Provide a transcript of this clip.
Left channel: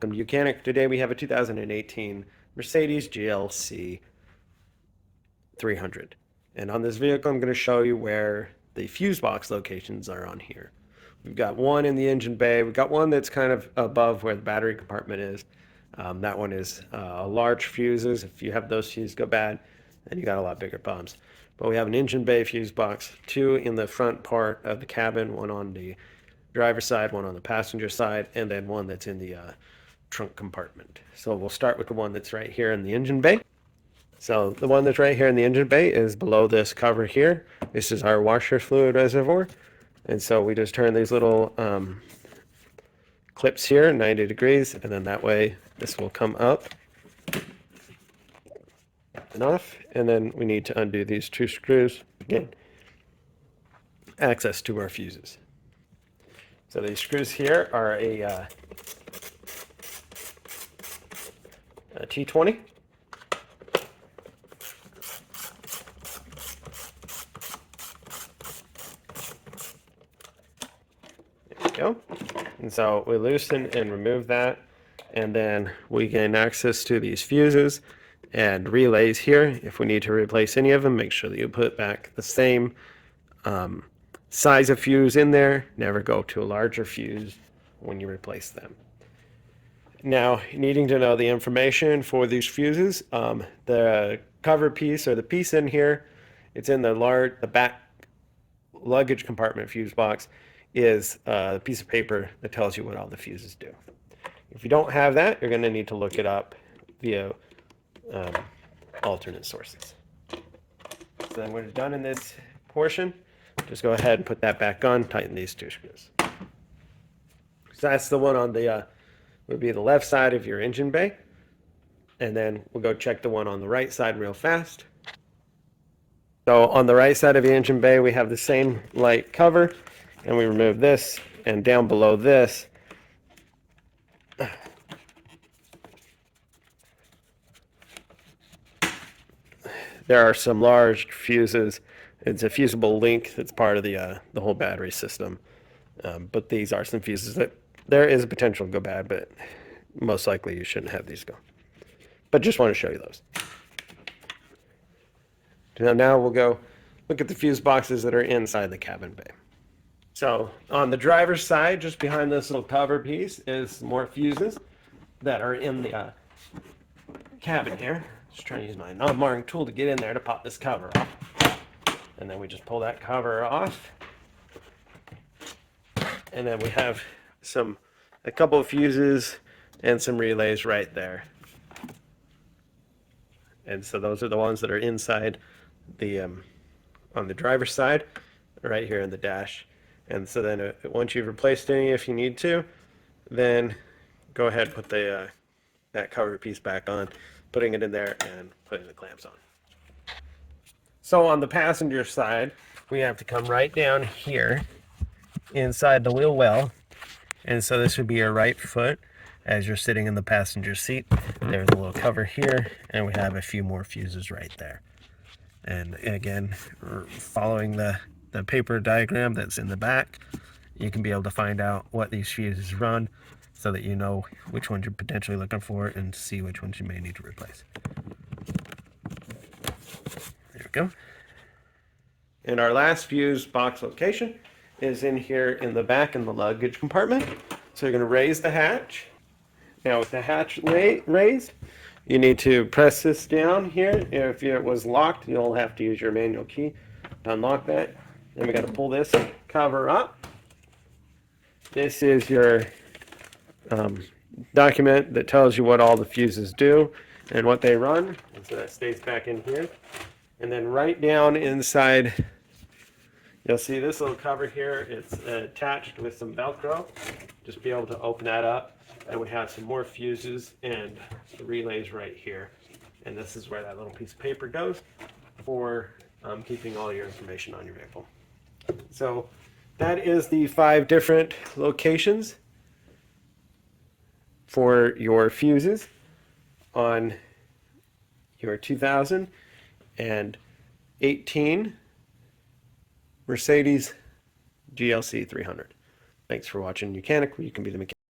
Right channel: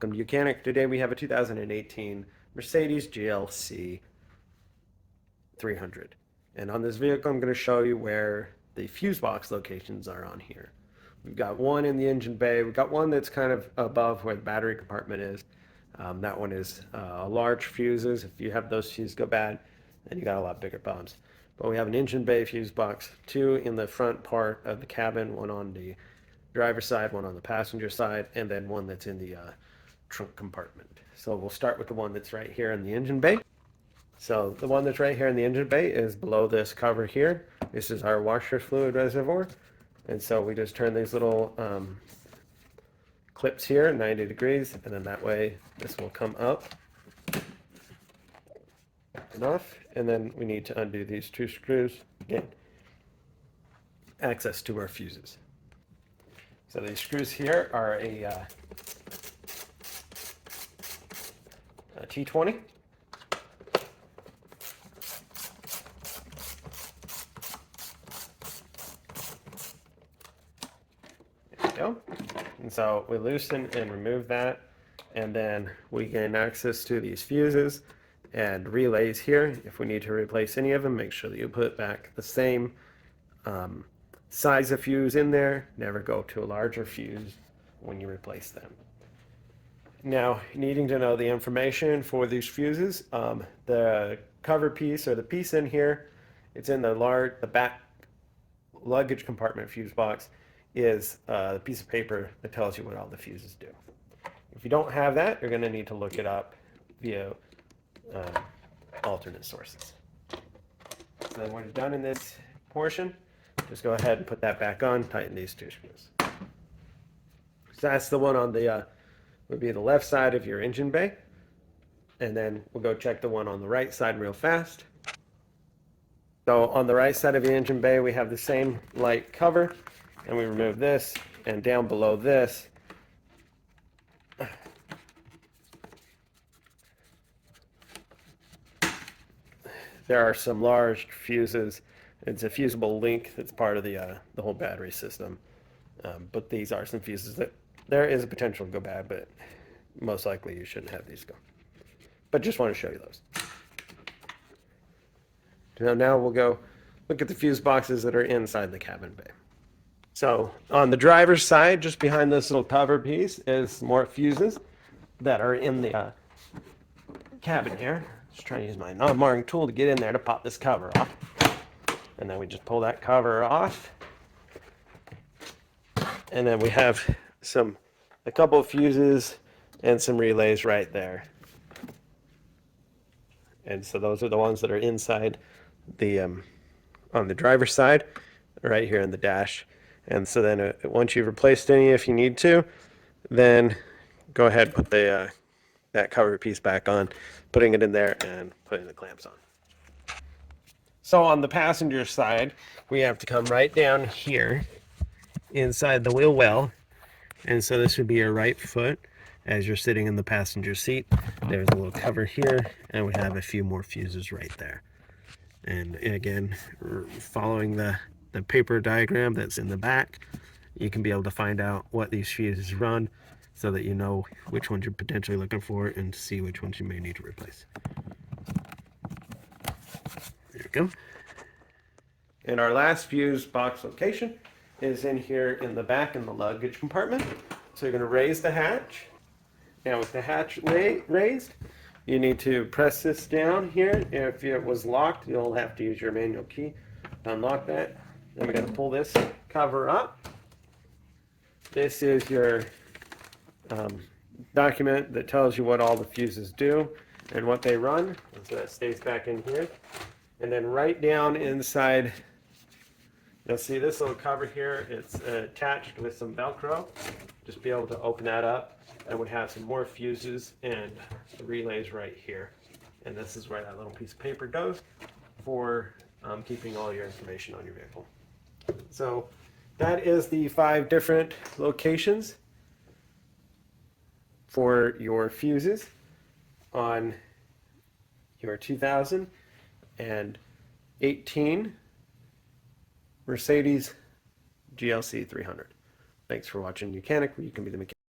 Welcome to YOUCANIC. Today we have a 2018 Mercedes GLC 300. And on this vehicle I'm going to show you where the fuse box locations are on here. We've got one in the engine bay. We've got one that's kind of above where the battery compartment is. That one is large fuses. If you have those fuses go bad, then you got a lot bigger problems. But we have an engine bay fuse box, two in the front part of the cabin, one on the driver's side, one on the passenger side, and then one that's in the trunk compartment. So we'll start with the one that's right here in the engine bay. So the one that's right here in the engine bay is below this cover here. This is our washer fluid reservoir. And so we just turn these little clips here 90 degrees, and then that way this will come up and off. And then we need to undo these two screws again. Access to our fuses. So these screws here are a T20. There we go. And so we loosen and remove that, and then we gain access to these fuses and relays here. If we need to replace any of them, make sure that you put back the same size of fuse in there. Never go to a larger fuse when you replace them. Now, needing to know the information for these fuses, the cover piece or the piece in here, it's in the back luggage compartment fuse box, is a piece of paper that tells you what all the fuses do. If you don't have that, you're going to need to look it up via alternate sources. So then when it's done in this portion, just go ahead and put that back on, tighten these two screws. So that's the one on the, would be the left side of your engine bay. And then we'll go check the one on the right side real fast. So on the right side of the engine bay, we have the same light cover, and we remove this, and down below this, there are some large fuses. It's a fusible link that's part of the whole battery system. But these are some fuses that there is a potential to go bad, but most likely you shouldn't have these go. But just want to show you those. So now we'll go look at the fuse boxes that are inside the cabin bay. So on the driver's side, just behind this little cover piece, is more fuses that are in the cabin here. Just trying to use my non-marring tool to get in there to pop this cover off. And then we just pull that cover off. And then we have a couple of fuses and some relays right there. And so those are the ones that are inside the, on the driver's side, right here in the dash. And so then once you've replaced any, if you need to, then go ahead and put that cover piece back on, putting it in there and putting the clamps on. So on the passenger side, we have to come right down here inside the wheel well. And so this would be your right foot as you're sitting in the passenger seat. There's a little cover here, and we have a few more fuses right there. And again, we're following the paper diagram that's in the back. You can be able to find out what these fuses run so that you know which ones you're potentially looking for and see which ones you may need to replace. There we go. And our last fuse box location is in here in the back in the luggage compartment. So you're going to raise the hatch. Now with the hatch raised, you need to press this down here. If it was locked, you'll have to use your manual key to unlock that. Then we got to pull this cover up. This is your document that tells you what all the fuses do and what they run. So that stays back in here. And then right down inside, you'll see this little cover here. It's attached with some Velcro. Just be able to open that up, and we have some more fuses and the relays right here. And this is where that little piece of paper goes for keeping all your information on your vehicle. So that is the 5 different locations for your fuses on your 2018 Mercedes GLC 300. Thanks for watching YOUCANIC, where you can be the mechanic.